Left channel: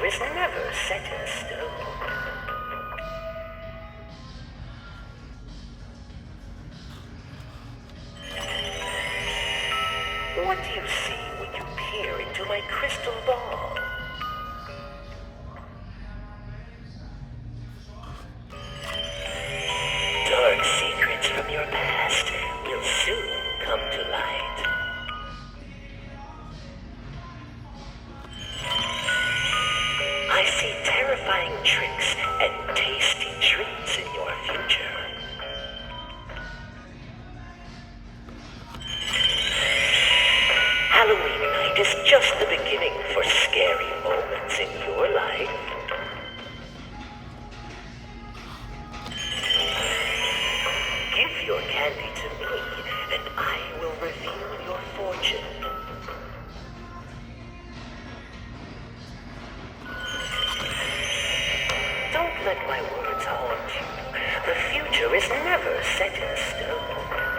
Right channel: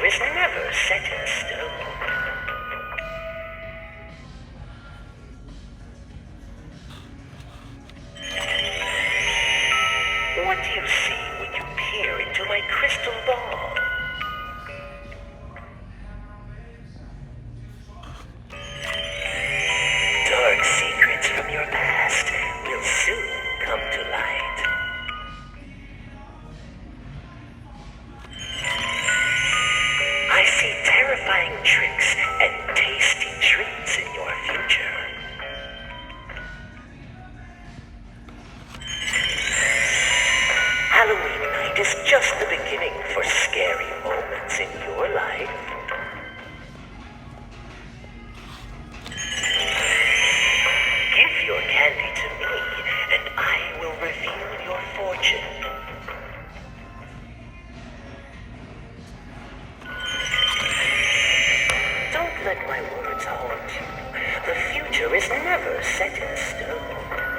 future is never set in stone. What do you see when you peer into my crystal ball? Dark secrets from your past will soon come to light. I see terrifying tricks and tasty treats in your future. Halloween night is just the beginning for scary moments in your life. Give your candy to me, and I will reveal your fortune. Don't let my words haunt you. The future is never set in stone.